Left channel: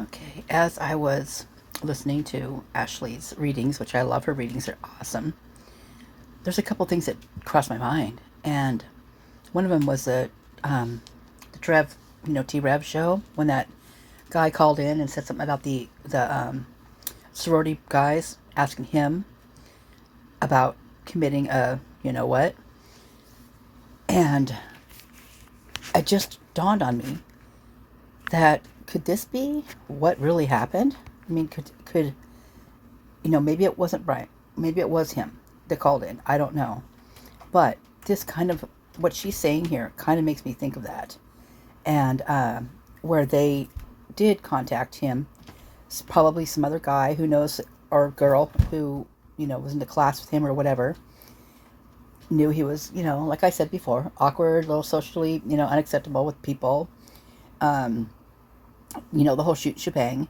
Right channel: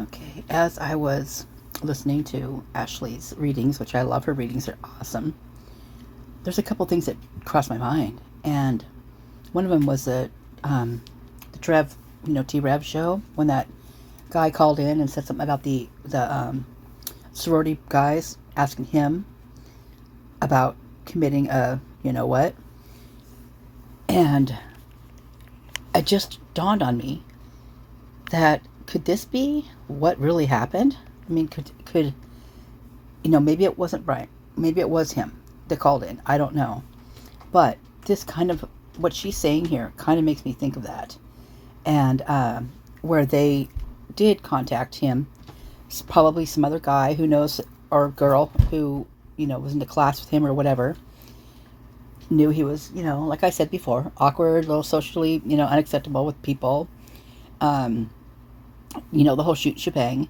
Okay, as I was listening to Ashley's readings, which I love, her readings are awesome, there's a couple things that crossed my mind. And one of them was the Trev, T-Rev show, when that guy called in and said something about the sorority guys asking him about committing a what. And it just dawned on me that could this be what really happened? I mean, could maybe it wasn't Brian, maybe it was him that called in. I don't know, but this kind of what she's saying here kind of makes me think of that, and where they did contact him, probably some other guy who knows, or girl who was in the class with him or whatever, knew he was, like I said before, awkward, a little socially, unacceptable with people, the whole shebang.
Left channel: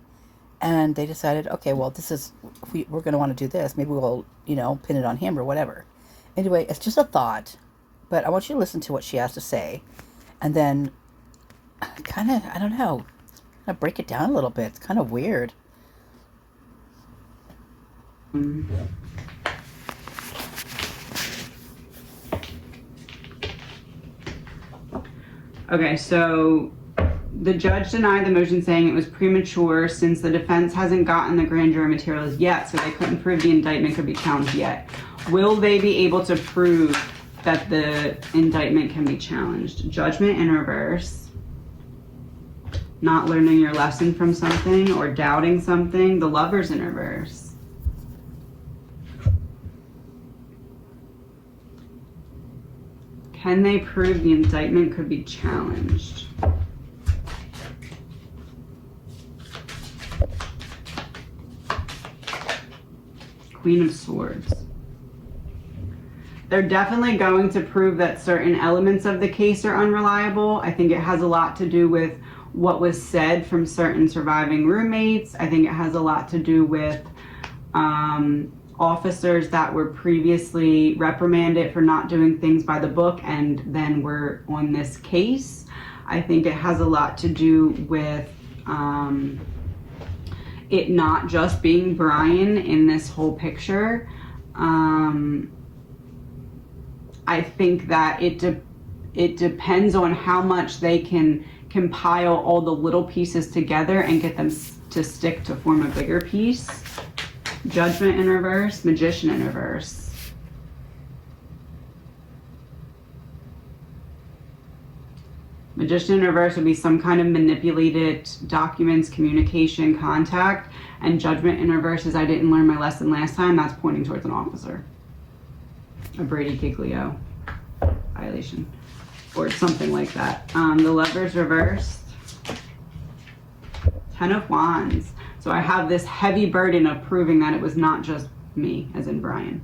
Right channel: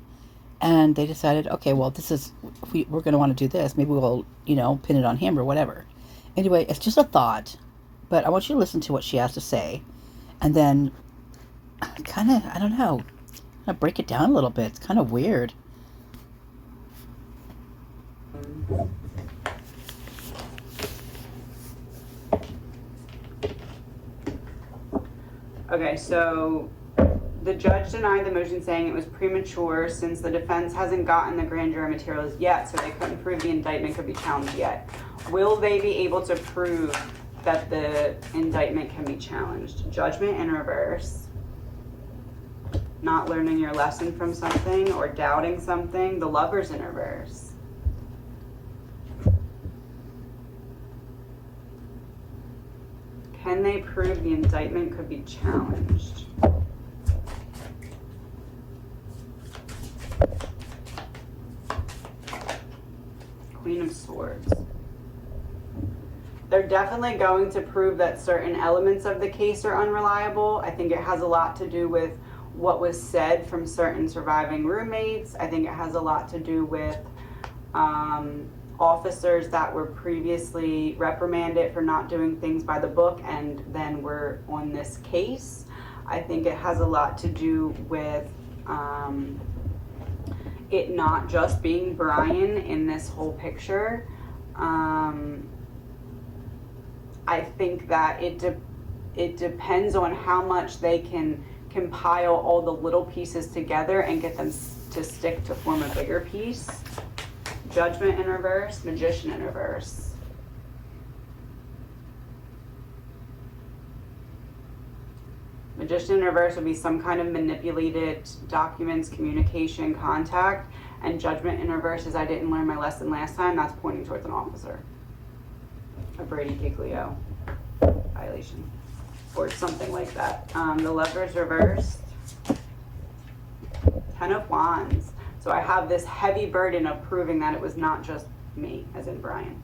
And they decided, okay, well, this is, we're going to want to do this. Maybe we'll, pin it on him or whatever. Anyway, it's just a thought, but I want you to listen to what she has to say. And then kind of, I don't know, break it down a little bit. It's kind of weird. Okay, so the judge denied the motion, saying it was premature since the defense hasn't gotten the grand jury materials yet, so they couldn't prove the indictment could be challenged yet. Will they be able to prove that the indictment can be challenged? Judgment in reverse. Not learning your lesson from something or doubting something. The Lovers in reverse. Can they prove the indictment could be challenged? Queen of Swords. They're definitely going to prove that certain elements of the case are unreliable. I think it has a lot to do with what was said from certain surviving roommates. I think it has a lot to do with officers that were previously reprimanded for not doing things by the book and then were on this case. I think it has a lot to do with it not just being Brian in this whole picture. I think that it depends on how much they can compile all the little pieces together and get them to stick to form a bigger piece. Judgment in reverse, Magician in reverse. Magician in reverse would be some kind of manipulated documents, communication, contact. And Judgment in reverse is I didn't learn my lesson last time. That's pointing towards an officer. A Brady Giglio violation. Or something like that. The Lovers reversed. Ten of Wands. So I have this heavy burden of proving that it was not just me, as in Brian.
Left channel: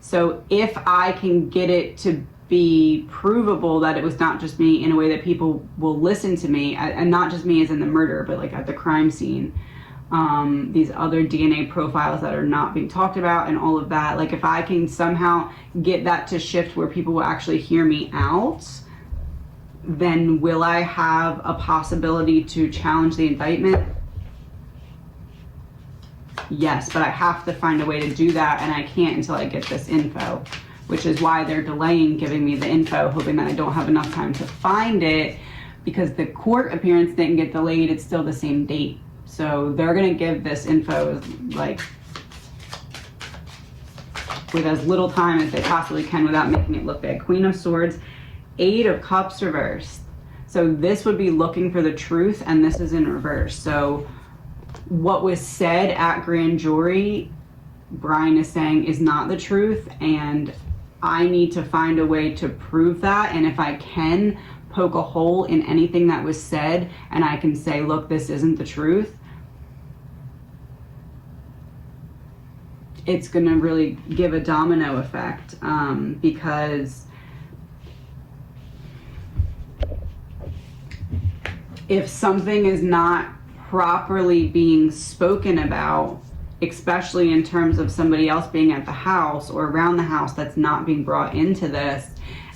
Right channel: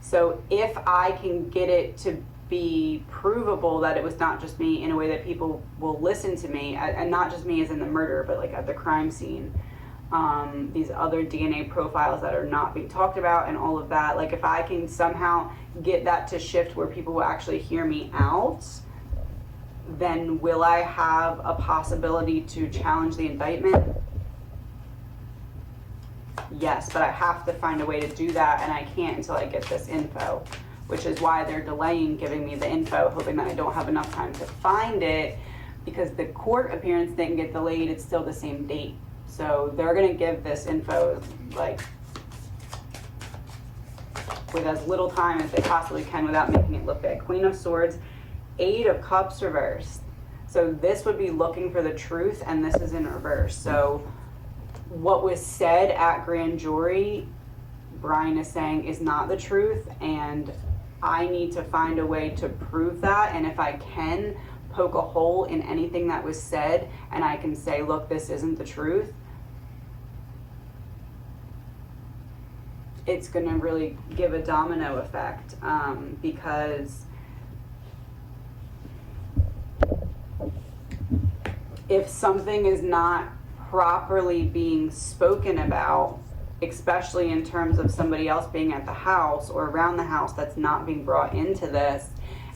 So if I can get it to be provable that it was not just me in a way that people will listen to me, and not just me as in the murder, but like at the crime scene, these other DNA profiles that are not being talked about and all of that, like if I can somehow get that to shift where people will actually hear me out, then will I have a possibility to challenge the indictment? Yes, but I have to find a way to do that, and I can't until I get this info, which is why they're delaying giving me the info, hoping that I don't have enough time to find it, because the court appearance didn't get delayed. It's still the same date. So they're going to give this info like with as little time as they possibly can without making it look bad. Queen of Swords, Eight of Cups reversed. So this would be looking for the truth, and this is in reverse. So what was said at grand jury, Brian is saying, is not the truth, and I need to find a way to prove that. And if I can poke a hole in anything that was said, and I can say, look, this isn't the truth, it's going to really give a domino effect, because if something is not properly being spoken about, especially in terms of somebody else being at the house or around the house that's not being brought into this,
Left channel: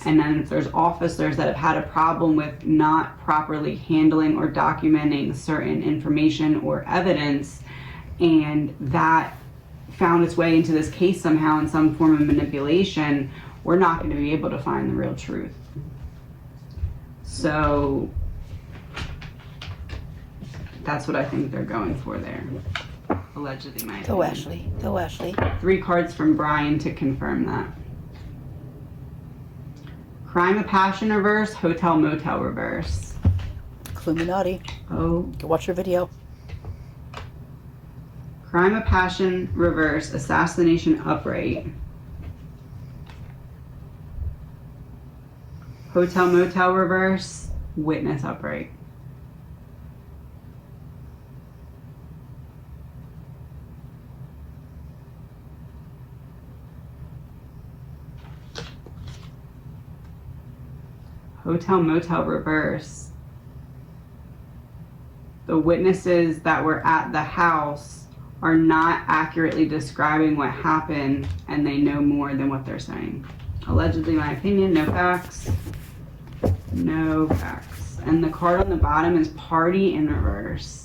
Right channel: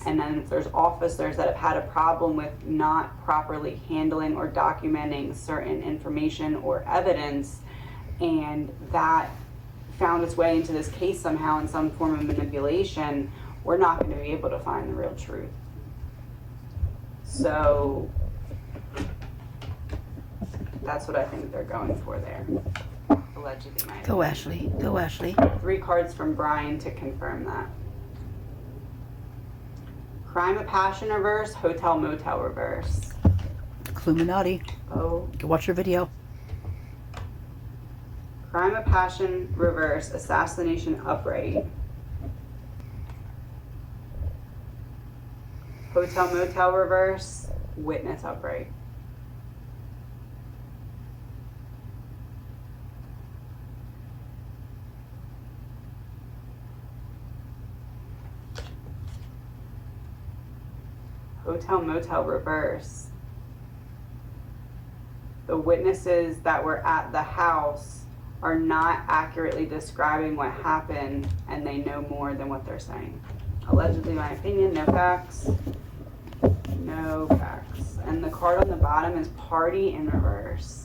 And then if there's officers that have had a problem with not properly handling or documenting certain information or evidence, and that found its way into this case somehow in some form of manipulation, we're not going to be able to find the real truth. So that's what I think they're going for there. Allegedly, my Go, opinion. Ashley. Go, Ashley. 3 cards from Brian to confirm that. Crime of Passion reverse, Hotel Motel reverse. Illuminati. Oh. Go watch your video. Crime of Passion reverse, Assassination upright. Hotel Motel reverse, Witness upright. Hotel Motel reverse. The witnesses that were at the house are not accurately describing what happened, and they know more than what they're saying. Allegedly, my opinion, no facts. No facts. And the card on the bottom is Party in reverse.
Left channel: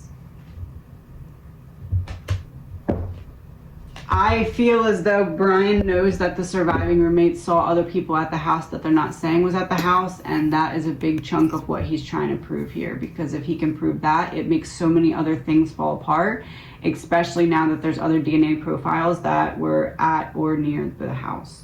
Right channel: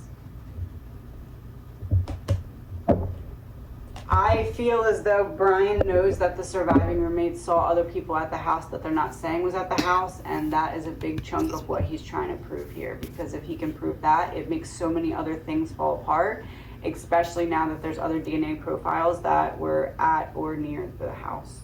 I feel as though Brian knows that the surviving roommates saw other people at the house that they're not saying was at the house, and that is a big chunk of what he's trying to prove here, because if he can prove that, it makes so many other things fall apart, especially now that there's other DNA profiles that were at or near the house.